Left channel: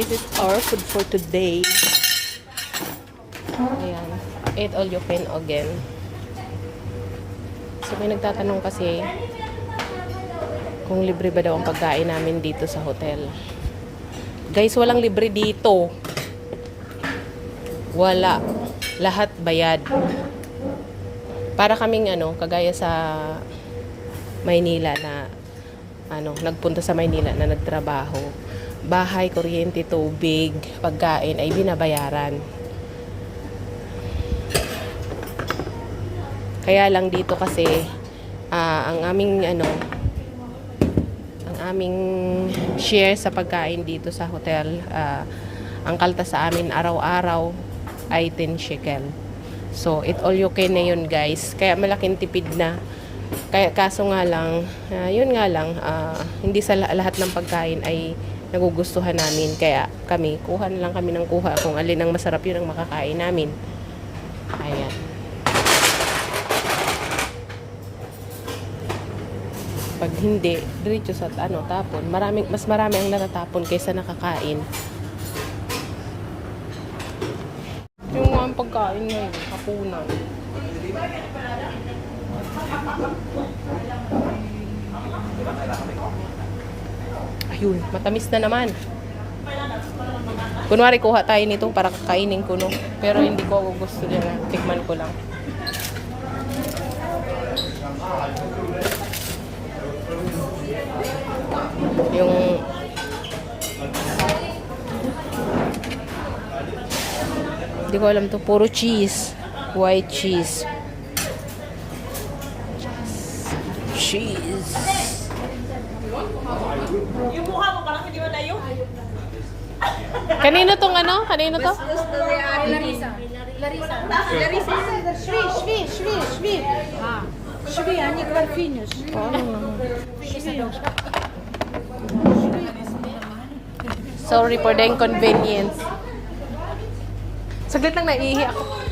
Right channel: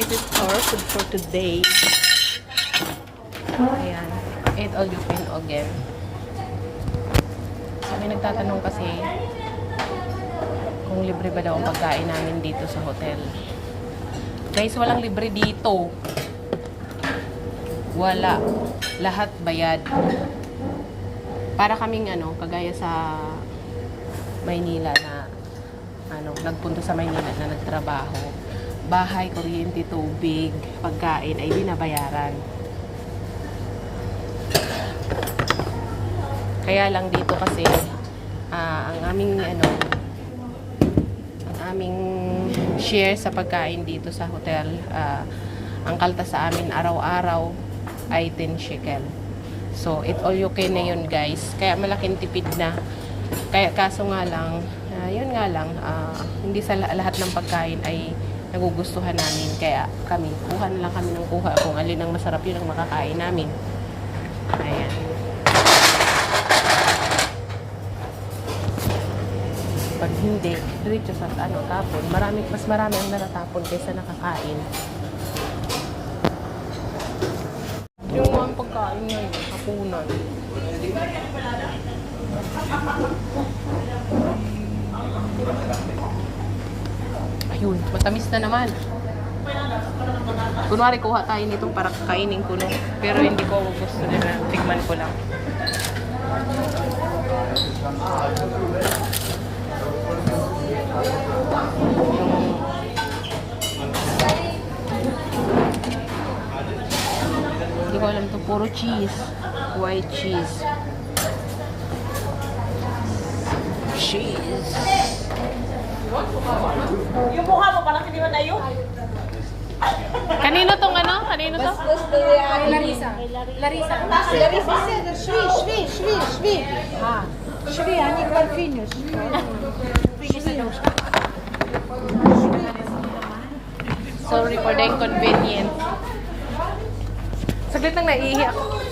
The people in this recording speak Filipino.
this is our food for today. Ayan. Eat all you can again. So, may nagtatanong kasi kung libre ba daw ang pagkain namin dito sa hotel. Guys, walang libre dito. Wala. Lahat bayad. Para kaming kagaya sa Maynila na nagpunta sa Maynila na nagtrabaho. Bahay, kuryente, tubig, pagkain ay binabayaran. Kaya lang dito kasi ang aming share sa pagkain dito sa hotel, ang kaltas sa amin araw-araw ay 10 shekel. So, it all you can na yun, guys. Kaya malaking tipid na. Kaya kaso nga lang, yun nga lang, hindi sa lahat ng pagkain ay nagugustuhan namin. Kaya kami, kuha na lang kami ng kuha kung alin ang masarap yun ang makakain namin. Ayan. Pag hindi, diretso sa tapon. Mas marami ang natatapon kaysa nakakain. Yung mga pagkain ngayon, hapunan. Ayun, matamis na naman. Kunwari kuha tayo nito para kakainin ko, no? Pero hindi ko gusto na. Tikman ko lang. Yung hindi ko alam to, puro cheese, white cheese. Yung mukha mo parang hindi mo na yun. Kanino tong Kanino to? Larissa. Larissa. Larissa. Шви. Шви, они как финиш. Sorry for the inconvenience. Saglit lang, naiihi ako.